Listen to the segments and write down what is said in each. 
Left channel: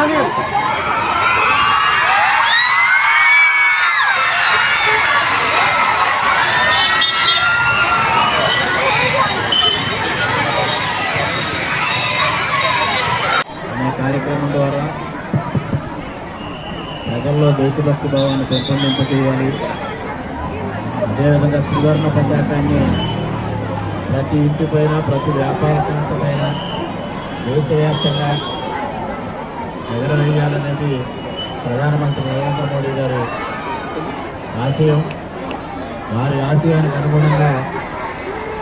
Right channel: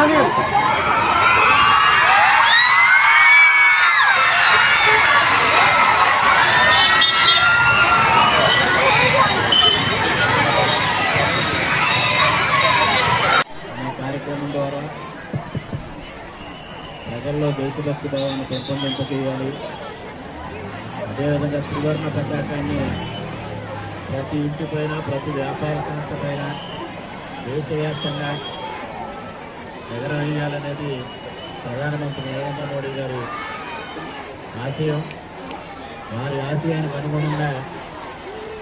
అనే కార్యక్రమం ద్వారా ప్రజల్లో దేశభక్తి భావాన్ని పెంపొందింపజేయాలి. అదేవిధంగా త్రివర్ణ పతాకాన్ని ప్రతి ఇంటిపైన ప్రతి వ్యాపార సంస్థ పైన దేశవ్యాప్తంగా ఎగరవేయాలనేది ప్రధానమంత్రి నరేంద్ర మోడీ గారి ఆశయం. వారి ఆశయానికి అనుగుణంగా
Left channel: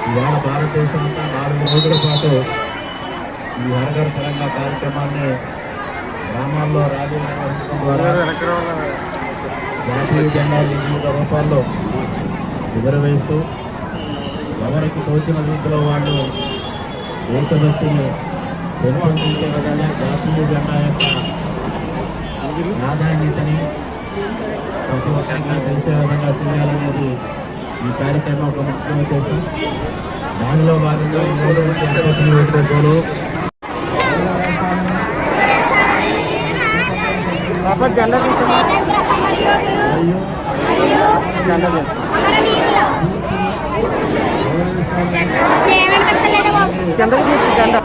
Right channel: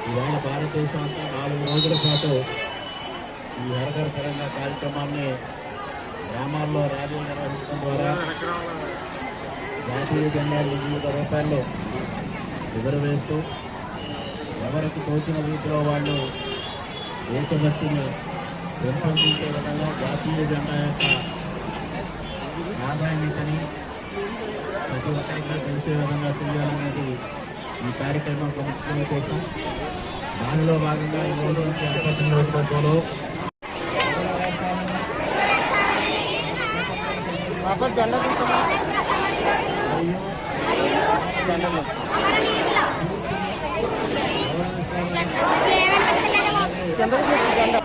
ఇవాళ భారతదేశం అంతా నాలుగు రోజుల పాటు ఈ హరఘర్ తెలంగాణ కార్యక్రమాన్ని గ్రామాల్లో ర్యాలీలు నిర్వహించడం ద్వారా జాతీయ జెండాలు వివిధ రూపాల్లో ఎగురవేస్తూ ఎవరికి తోచిన రీతిలో వాళ్ళు దేశభక్తిని పెంపొందించే విధంగా జాతీయ జెండా యొక్క ప్రాధాన్యతని ప్రతి ఒక్కరికి తెలిసే విధంగా చేయాలనేది ఈ కార్యక్రమం ఒక ముఖ్య ఉద్దేశం. దానిలో భాగంగా ఈరోజు తిరుపతి నియోజకవర్గంలో మరియు తీసాం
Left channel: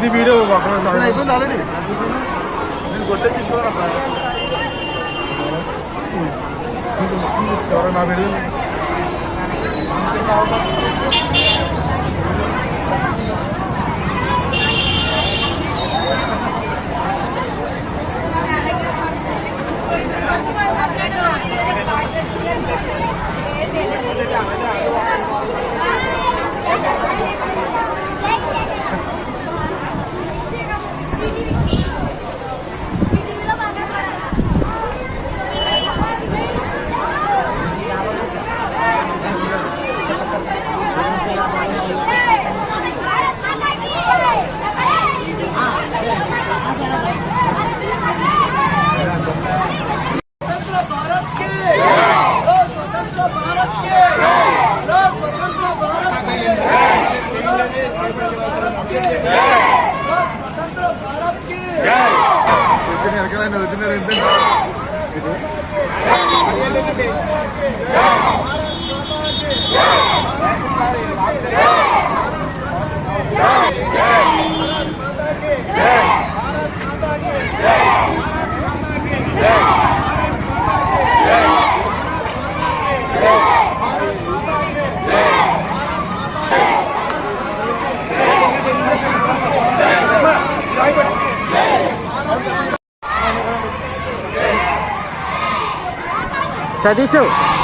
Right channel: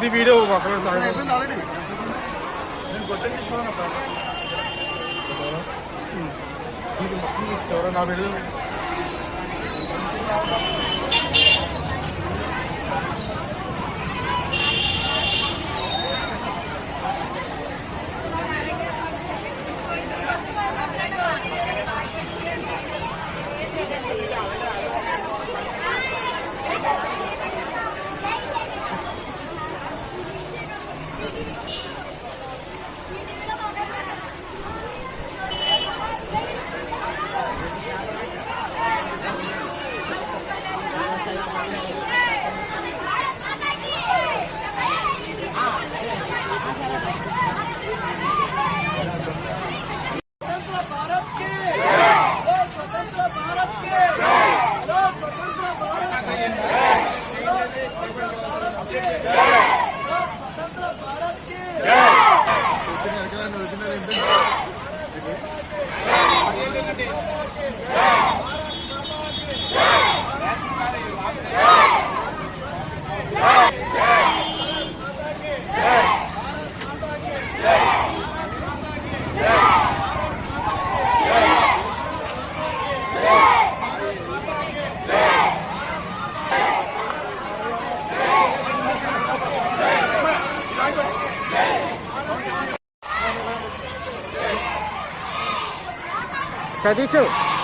ఎగరాలి ఎగరాలి ప్రతి ఇంట ఎగరాలి 在地震。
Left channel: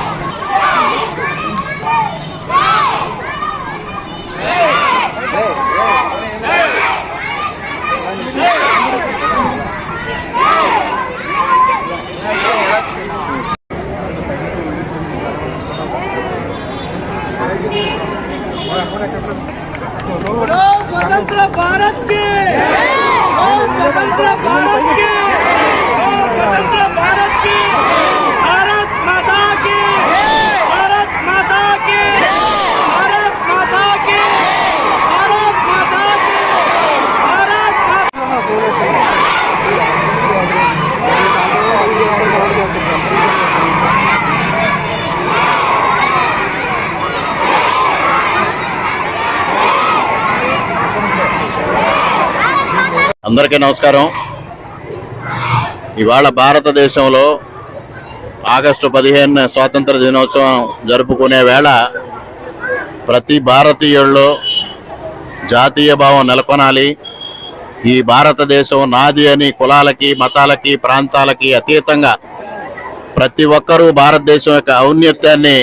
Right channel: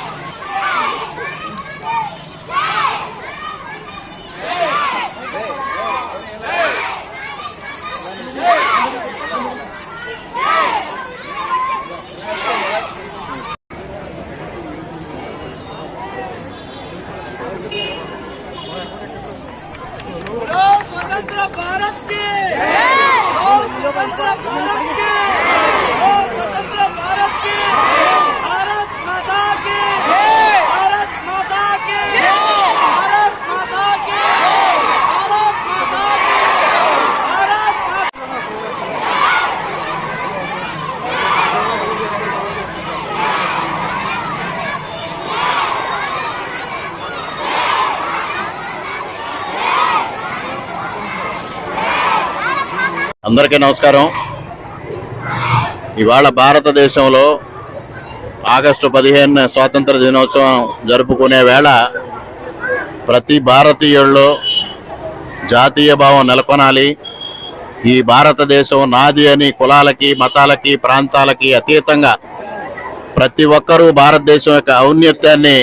అందరికీ నమస్కారం. ఇవాళ భారతదేశంలో ఆగస్టు పదిహేను స్వాతంత్ర దినోత్సవం జరుపుకునే వేళ ప్రతి భారతీయుల్లో జాతీయ భావం నెలకొనాలి. ఈ భారతదేశం నాది అని కులాలకి మతాలకి ప్రాంతాలకి అతీతంగా ప్రతి ఒక్కరూ భారతదేశం యొక్క ఔన్నత్యాన్ని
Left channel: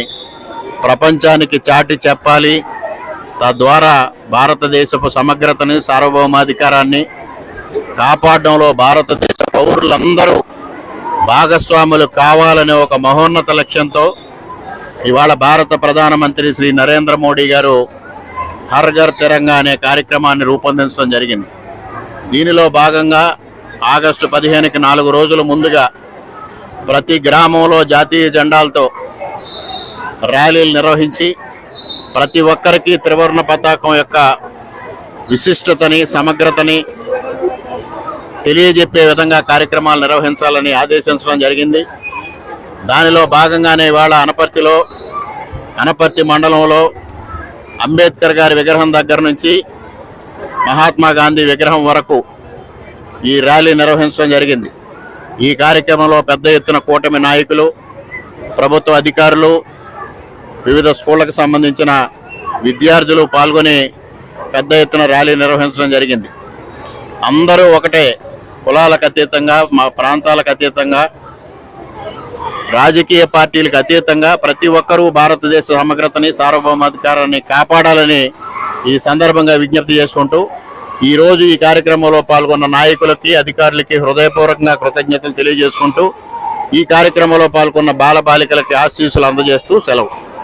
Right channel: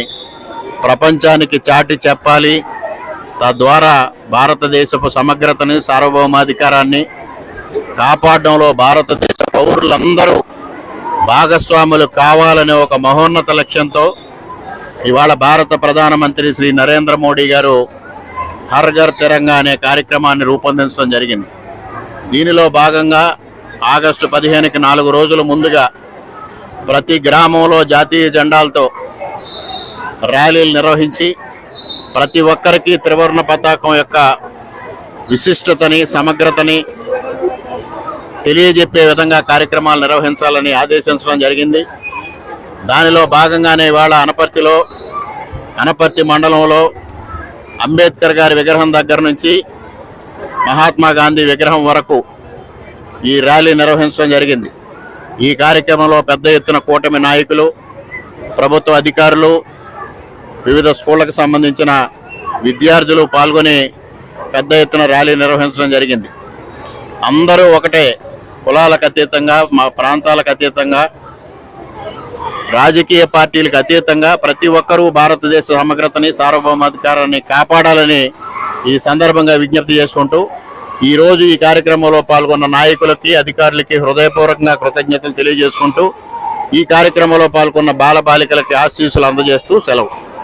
ప్రపంచానికి చాటి చెప్పాలి. తద్వారా భారతదేశపు సమగ్రతని సార్వభౌమాధికారాన్ని కాపాడడంలో భారతదేశ పౌరులందరూ భాగస్వాములు కావాలనే ఒక మహోన్నత లక్ష్యంతో ఇవాళ భారత ప్రధానమంత్రి శ్రీ నరేంద్ర మోడీ గారు హర్ ఘర్ తిరంగా అనే కార్యక్రమాన్ని రూపొందించడం జరిగింది. దీనిలో భాగంగా ఆగస్టు పదిహేనుకి నాలుగు రోజుల ముందుగా ప్రతి గ్రామంలో జాతీయ జెండాలతో ర్యాలీలు నిర్వహించి ప్రతి ఒక్కరికి త్రివర్ణ పతాకం యొక్క విశిష్టతని సమగ్రతని తెలియజెప్పే విధంగా కార్యక్రమాలు నిర్వహించాలని ఆదేశించడం జరిగింది. దానిలో భాగంగానే ఇవాళ అనపర్తిలో అనపర్తి మండలంలో అంబేద్కర్ గారి విగ్రహం దగ్గర నుంచి మహాత్మా గాంధీ విగ్రహం వరకు ఈ ర్యాలీ నిర్వహించడం జరిగింది. ఈ కార్యక్రమంలో పెద్ద ఎత్తున కూటమి నాయకులు ప్రభుత్వ అధికారులు వివిధ స్కూళ్ళకు సంబంధించిన విద్యార్థులు పాల్గొని పెద్ద ఎత్తున ర్యాలీ నిర్వహించడం జరిగింది. అందరూ ఒకటే కులాలకు అతీతంగా మా ప్రాంతాలకు అతీతంగా రాజకీయ పార్టీలకు అతీతంగా ప్రతి ఒక్కరూ భారతదేశ సమగ్రతని సార్వభౌమాధికారాన్ని కాపాడాలని ఈ సందర్భంగా విజ్ఞప్తి చేసుకుంటూ ఈరోజు ఈ కార్యక్రమంలో పాల్గొన్న నాయకులకి అధికారులకి హృదయపూర్వకంగా కృతజ్ఞతలు తెలియజేసుకుంటూ ఈ కార్యక్రమంలో పాల్గొన్న బాల బాలికలకి ఆశీస్సులు అందజేస్తూ సెలవు.